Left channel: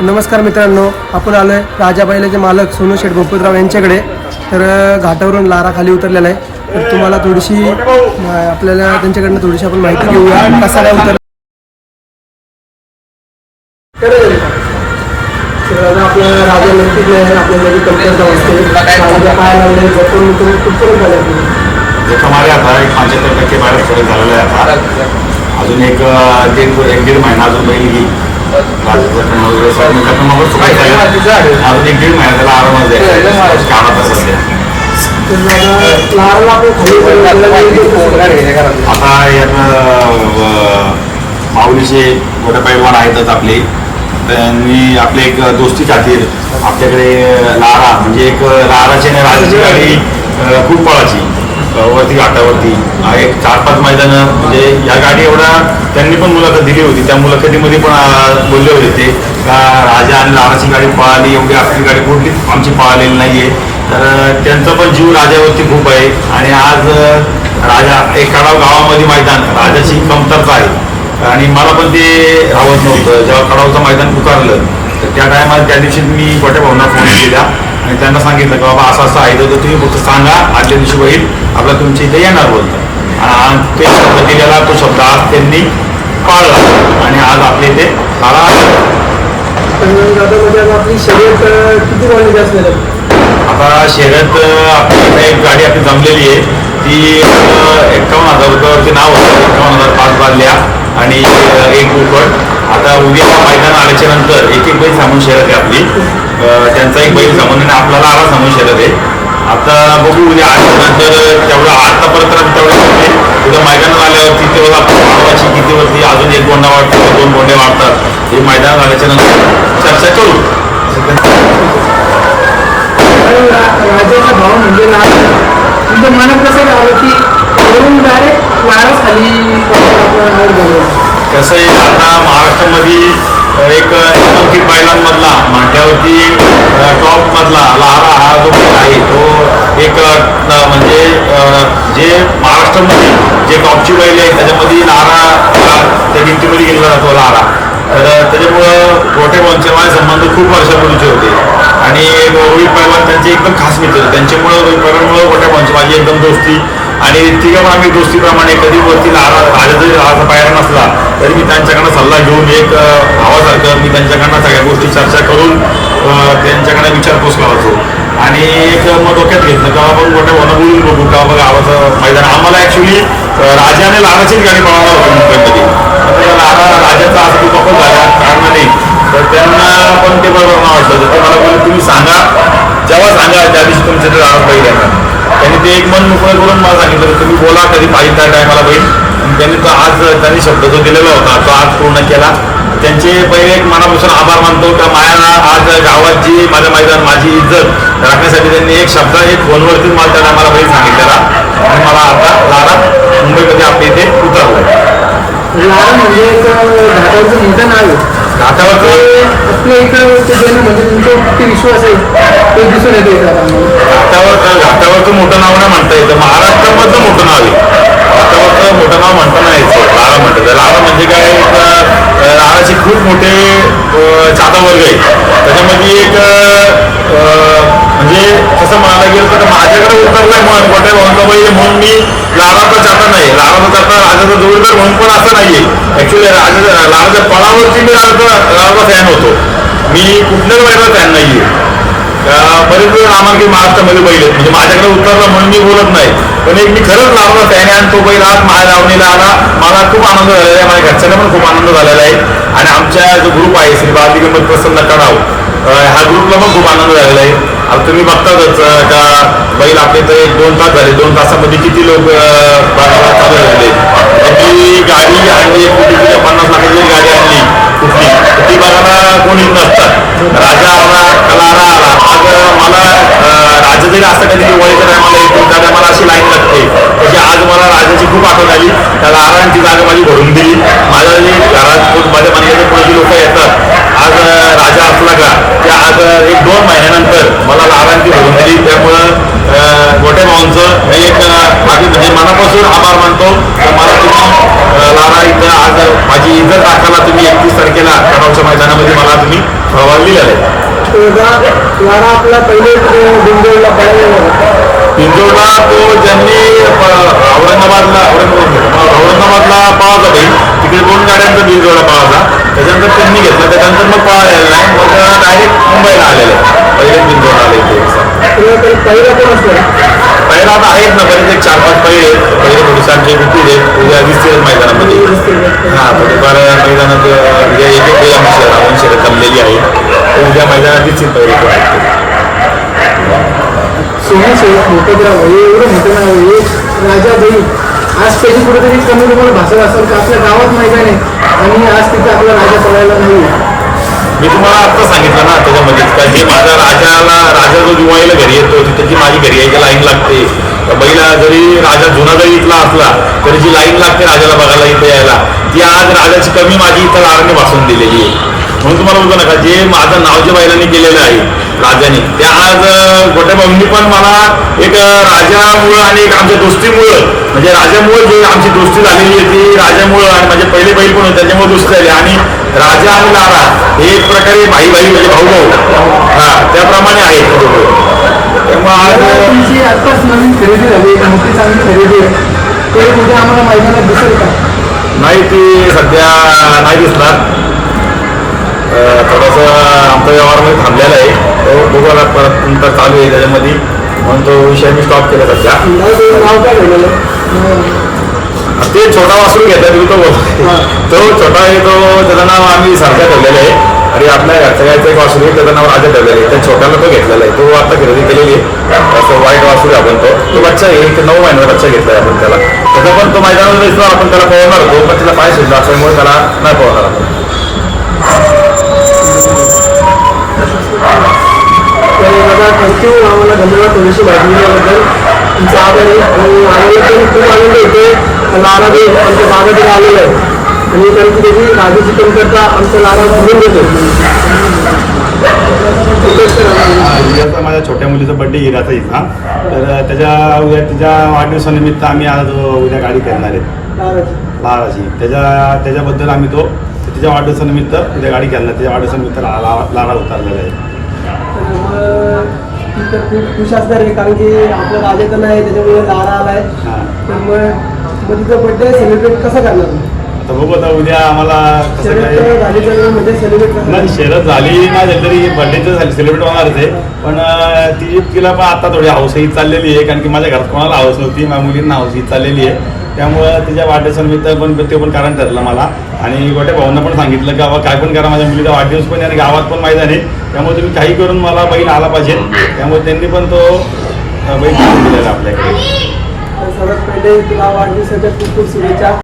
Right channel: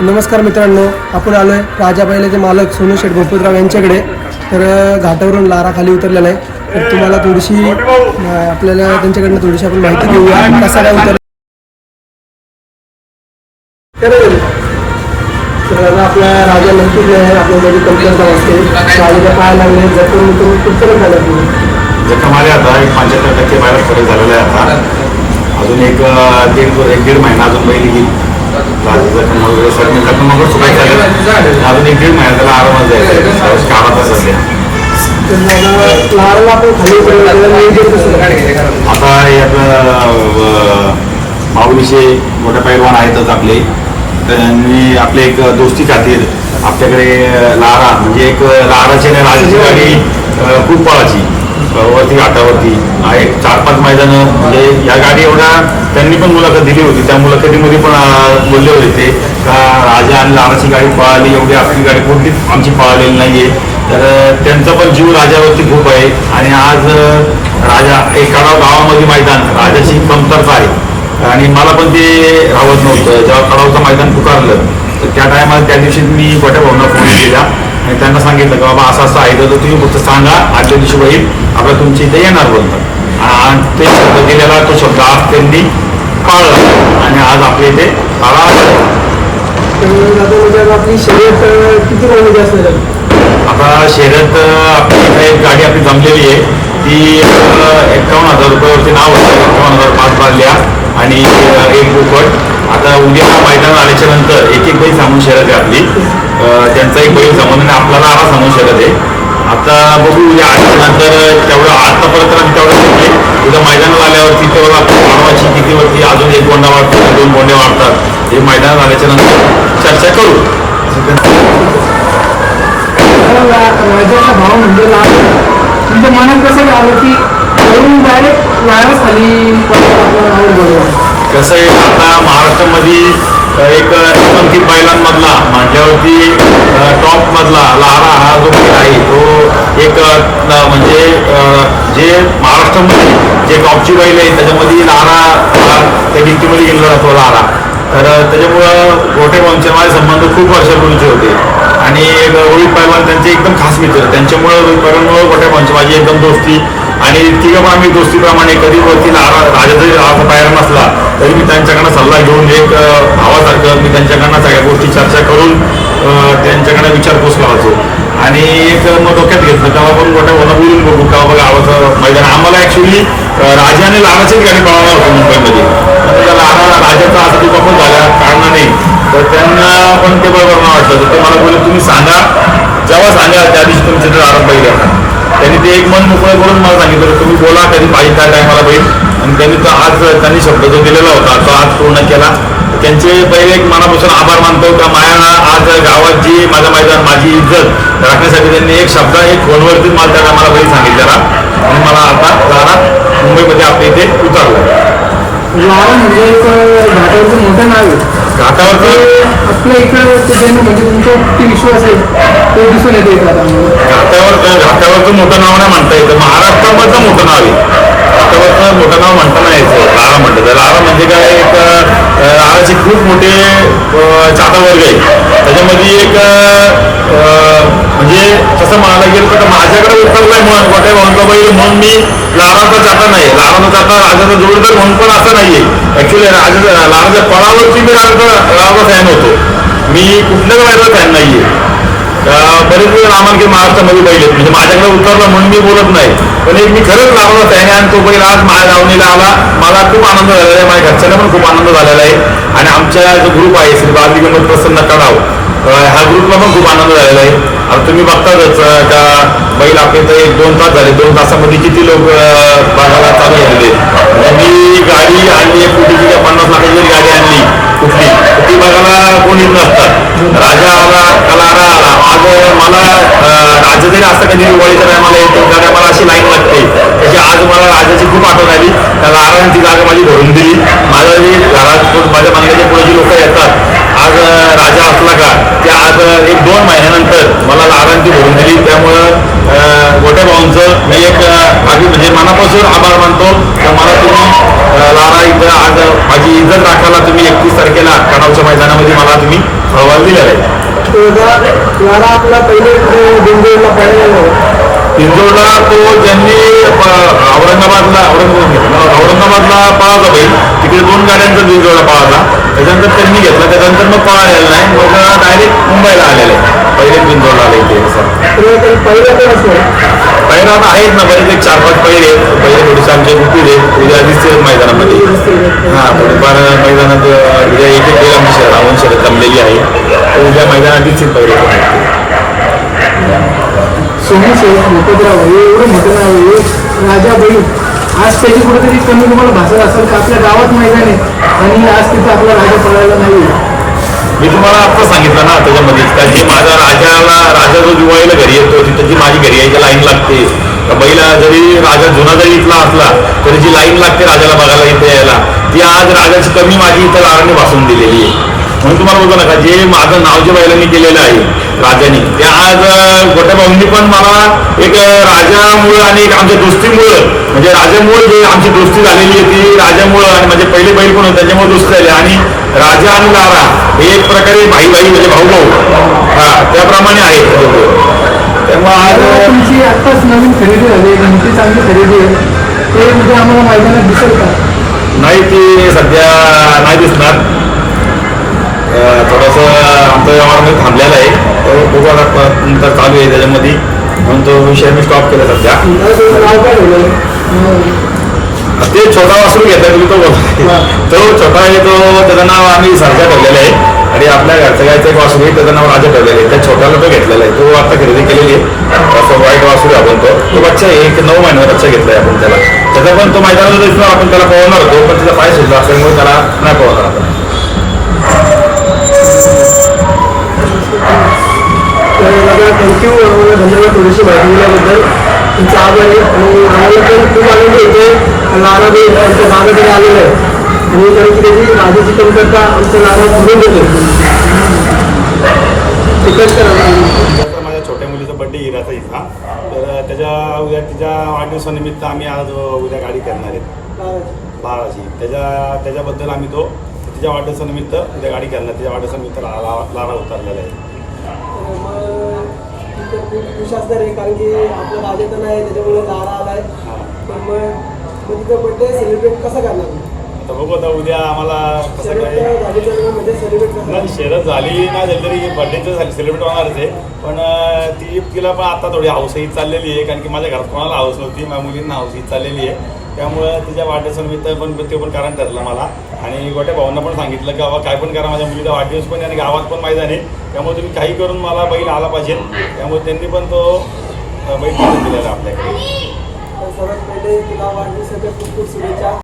नमस्कार मित्रांनो आपण आलो आहे राजा बैलाचे मालक सोनू शेठ गोपतराव यांच्याकडे. तर घाटावरून लारा खाली उतरलेला आहे. तर तुम्हाला थोडीशी आपल्याला त्यांच्याकडनं थोडीशी आपण माहिती घेऊया. कसा काय उतर आपल्या राजा नक्कीच नाही आहे. आपल्यामध्ये कमतरता वाटते. राजाच्या पाया लागले जपून उतरून कुठपर्यंत झाले जखम आले आता एक पंच्याहत्तर टक्के बाहेर फरक झालेला आहे आता. अजून एक दीड एक दीड महिना अजून बैल येईल. राजाचं सुकायचं अजून एक दीड महिना त्याला आरामात जायचं कामात आता लाराला माऊलीचे मोठे पैलवान आहेतच आपले. त्यांनी आपले एक दोस्ती खातीर आपल्याकडे लारा म्हणजे एक लाराची आणि राजाची गाडी खूप पळाची वरती घाटावरती. एक चार पाच मैदानं म्हणजे या गाडी एवढा त्यांनी पण मुलाखत दिली होती. त्या मुलाखतीमध्ये पण बोलले होते ते का राजा आणि लाराची गाडी पळाली एवढी आपली गाडी कुठली? आमची पळालेली नाहीये. तर त्यांचा पण जीव राजावरती खूप आहे. आणि आज राजा एकाडाव गावामध्ये मैदान राजाची कमतरता आहे. आणि मला पण ते राहत नव्हतं. जेव्हा कडावचं मैदान पुकारलं तर त्या टायमाला त्या दिवशी मी गोट्या भाऊना फोन केला आणि त्यांना सांगितलं की बाबा असं असं आहे तर तुम्ही फक्त सांगा आजच्या दिवशी होईल आपला तुमच्या इथे येणार बोलतात. आणि ते शब्द दिलेला तो शब्द आज त्यांनी पाळला. आणि आज आपल्या इथे काळा तर दादा म्हणजे आपली शर्यत किती रॉलिंग असणार आता शर्यत आपली इथे एक गाडी आपली जमलेली आहे. ती एकावन्न एक्कावन्न हजार रुपयावरती नाव होतं. एक्कावन्न हजार पाच बादल्या. आणि एक बोकड आता उद्या मैदान आल्याच्यानंतर एक एक बैल सामून शर्यत आहे आपली. त्यांचा एक बैल सामून आणि आपल्याला आला सामून शर्यत आहे. आता बघू उद्या आल्याच्यानंतर तेवढं आतापर्यंत तेवढं म्हणजे उद्या मैदानात आल्यावरती तेवढं आपण वाढवायची कितीवरती अजून एक गोंडा वाढतो दोन गोंडे वाढतात. हे मैदानात आल्याच्यानंतर चर्चा करू. कारण राजाचा भाव म्हणजे तुमच्या मनात कसं आलं की वरून डायरेक्ट वायरस खाली कसं आहे आता महाराष्ट्रामध्ये एक नामांकित बैलांमधला माझ्यावरती टॉप मधला लहारा हा जो खेळ आहे तो एक म्हणजे जे महाराष्ट्रामध्ये जे टॉपची बैल आहे त्याच्यामध्ये लहारा त्या भिंतीमध्ये गेलेला जातो लहारा तर त्याच्यामुळं गोटे भाऊंचे माझे संबंध खूप वर्षापूर्वीचे होते. आणि रोहित पैलवान त्यांचे एकदम खास मित्र त्यांच्यामुळं रोहित पैलवानमुळं गोटे भाऊंची माझी एकदम दोस्ती. आणि तिघं आम्ही दोस्तीप्रमाणे कधी वरती नारा राजा जरी राजा पायरा नसला तरी मी त्यांच्याकडनं सल्ला घेऊन एक भावासारखं मी त्यांच्याकडनं सगळ्या गोष्टी चर्चा करून त्यांच्याकडनं त्यांच्याकडे विचारपूस करायचो आणि एक मग डोक्यात घेतलं का आपण मोठ्या मला बोलून बघू. का बघा गावाचं मैदान. आम्हाला ॲक्च्युली राजा आणि लाराचीच गाडी पळवणार होती मुंबईमध्ये. पण लारा राजाचा आज तू झाल्या कारणाने. तर त्यांना पण ते बरोबर नाही वाटलं तर ते मला बोलले तुम्ही सांगा. जेव्हा सांगा त्या दिवशी तुमच्या ते दारात बैल येणार. त्यांनी ते एक मन मोकळं करून मला सांगितलं की तुम्ही बोला कधी पाहिजे त्या टायमाला बैल. आणि त्यांनी तो आज त्यांनी शब्द जो दिलेला होता तो आज पूर्ण केला. त्यांचे पहिले एक मनापासून आभार मानतो का माया आज गावात जी माझं मैदान माझी इज्जत राखण्यासाठी त्यांनी एक शब्द एक फोनवरतीच मला त्या टायमाला बैल सांगितलेला. आणि मला आता लारा मुंबईमध्ये आपल्या इथे उतरलाय. लाल म्हणजे घाटावरचं मोठं नाव आहे. घाटावरचं? आपल्या इकडे देणं म्हणजे तुमचा विश्वास आहे ते दिसून येतो घाटावर घाटावरचं मोठं नाव नाही म्हणता येतं. महाराष्ट्रामधलं मोठं नाव आहे. घाटावरचं मोठं नाव म्हणता नाही यायचं लारा म्हणतं तर. लारा म्हणजे काय एक अं, खूप मोठे अं, चाहता वर्ग आहे त्याच्यामध्ये एक म्हणजे तसं म्हणायला गेलं तर माझ्याकडे उतरलाय म्हणून गोट्या भाऊंचा म्हणून मी लाराचा चाहता नाही. लाराचा चाहता राजाचा जोडीदार म्हणून पण असं नाहीये. ऍक्च्युली राजा लाराच्या पळावरती मी राजाचा राजाचा फॅन होतो. मी कुठल्याच बैलाचा फॅन नाहीये. बरेच वेळ नामांकित महाराष्ट्रामध्ये बैल आहेत. म्हणजे माझ्याकडे उतरला म्हणून मी बोलत नाही. पण एक मी खरंच लावला त्याने आणि तो बैल आज माझ्या लावणीला आला. मला खूप आनंद झालेला आहे. माझ्या घरच्यांना पण खूप आनंद झालेला आहे. आणि आमच्या जो ग्रुप आहे श्री बालदी गंमत प्रसन्न कडाव ह्या ग्रुपला पण खूप आनंद झालेला आहे. आता तुम्ही बघतातच का बैल आपले तर एक दोन तास झाले. दोन तासामध्ये किती लोक बघायला चालू झालेले म्हणजे मी गाडी आणली एक कोटीची पन्नास लाखाची गाडी आणली. कुठली ती बघायला कोणीच नसतात. राजा आला कलारा आला. आज मला राजा जरी असं कधी दिवाळीच्या टायमाला येतो त्या टायमाला अशी लाईन लागते. तशी आज मला राजाची खूप आठवण आली. त्या लाराने ती जागा माझी भरून दिली. माझ्या जे घरात माझ्या बंगल्याच्या पुढे जी लोक येतात आज राजा असला का ते आज एक दोन महिन्यानंतर मला लारांची भरून दिली. त्यामुळं भाऊंचं मी एक अं, म्हणजे मनापासून आभार मानतो. तर मला तुम्ही लारा इथं आज माझी इज्जत राखायला तुम्ही एकतीस तारखेला कडावच्या मैदानामध्ये मला तुम्ही अहवाल दिलेला आहे. लारा आपला पहिले बिंदूला पिंजोडला तो ज्यांनी औरंगाबादला औरंगाबाद औरंगाबादला पळाला बैल तिकडे दोन गाड्यांचा बिंजोडला पळाला त्याच्यानंतर त्यांनी घेतला. त्याच्यानंतर मग पळालेला नाही. मग डायरेक्ट मुंबईला आलेले. पहिले बिंजोडला आले ते पहिला पण असतो पहिला आता आहेत ना बरेच एक चार पाच पहिले. आहेत पहिले थोडेसे आमचे गुप्ती आहेत. उद्या दिसते मैदानामध्ये. हा थोडीफार मैदानात उद्या एक एक शहर आमची रावण जमलेली आहे. उद्या मैदानात दिसतील पहिले कोण आहेत हे एवढं मोठं नाव आहे हे राजा बैल आज त्याची कुठेतरी कमी तुम्हाला भाषा असेल का? आपल्या गावात मैदान आहे आणि आज तिथे आपला राजा पळायला नाही. मी तुम्हाला आता सांगितलं ना त्याच्यामध्येच का जे माझ्या राजाला राजा जो जुवायला घरी येतो तिथं जी माझी घरी यायची लाईन लागते. तर बैला जरी राजा जुना जरी इथला असला तरी जी लाईन लागते राजाला बघायला इथे यायला ती आज राजाची कमी माझी इथं आरण्य भासून दिलेली आहे. म्हणून तुम्हाला बघू नका जे माझं नाव जे बैलांनी केलेलं आहे राजाने. ते आज भाऊंनी पण मला एक राजामुळं आणि एक आमच्या दोस्तीमुळं म्हणजे राजामुळं जे आमची दोस्ती झालेली आहे ती राजामुळं आणि माझे पहिले बैल पण होते त्याच्यामुळे दोस्ती झाली. आणि राजा आणि लारा हे एक प्रकारे भाई भाई म्हणजे भाऊ भाऊ हा त्याप्रमाणे दोघं. त्यामुळे आज तुमची आत्ताच नवीन खरेदी झाली मोठी चांगली खरेदी. आहे ते उद्या आम्हाला मैदानात दिसेल का? नाही ती सध्या नाही दिसणार. थोडंसं आमचा व्यवहारमध्ये थांबलेला आहे. तो बघू आता परत नंतर चालू आहे त्याच्यामध्ये. म्हणून तो विषय मी स्टॉप केला सध्या. आहे? ते छोटा वासरू घेतलाय तुम्ही तो तो छोटा आहे तो त्याचं नाव आम्ही सरजा ठेवलेलं आहे. आणि आपल्या गायचं एक वासरू आहे त्याचं नाव राजा ठेवलेलं आहे. त्या छोट्याला तो घेतलेला आहे. तो आता खरेदी केलेली आहे. असं वाईट वासरू आहे आपण तो. तो बच्चा आहे, एक नऊ महिन्याचा बच्चा घेतलाय आपण त्याला. त्याचा पण तो मैदानात आपण त्याला पळवणार होतो पण त्याचा पाय सुद्धा असल्यामुळे त्याला नाही पळवणार आपण. तर दादा थँक्यू आम्हाला धन्यवाद थोडीशी माहिती दिल्याबद्दल तुमचा आभार आहे आणि आम्हाला पण खूप आनंद येतो लारा बी आमच्या बाबाकडे आलेलं आहे आणि कारण की त्याची राजाची कमतरता आमच्या लारा भरून देतो माझ्या छोट्या मुलीचा बड्डे हिराचा इथला तर त्याच्या उद्या तिच्या वाढदिवसानिमित्त आम्ही आज उद्या गाडी करणार आहेत लाराची. त्याच्या त्याच्याबद्दल आम्ही तो तिच्या वाढदिवसानिमित्त उद्या गाडी करणार तिच्या वाढदिवसानिमित्त ला- लारा उतरलेला आहे. ती तर खूप खुश असणार आहे कारण की आपला राजा तर नाही त्याच्यामुळे लारा आलाय. हां. तर मग मग तिचा बड्डे सेलिब्रेट कसं करणार? आता बघू आता उद्या आम्हाला कसं काय म्हणजे सेलिब्रेट करणार नाही शरद झाली नाही झाली तरी बर्थडेचं झाली सेलिब्रेट होणारच आहे पण अं, ती तिला पण आता थोडी हौसही चाललेली आहे कारण की माझ्या घरात कोणाला हौस नव्हती माझ्या मुलींना हौसही चाललेली आहे. त्यामुळं तिच्या वाढदिवसानिमित्त पण ते पण कारण ठरलं मला. आणि गोट्या भाऊंना पण सांगितलं की बाबा काय पण करा माझ्या मुलीचा वाढदिवस पण आहे आणि गावात पण मैदान आहे. त्यामुळे तुम्ही काही करून मला बैल आला पाहिजे. त्यामुळे त्यांनी पण तो बैल दिलेला आपल्याकडे. सर्वात पहिले तुला वाढदिवसाच्या खूप खूप शुभेच्छा.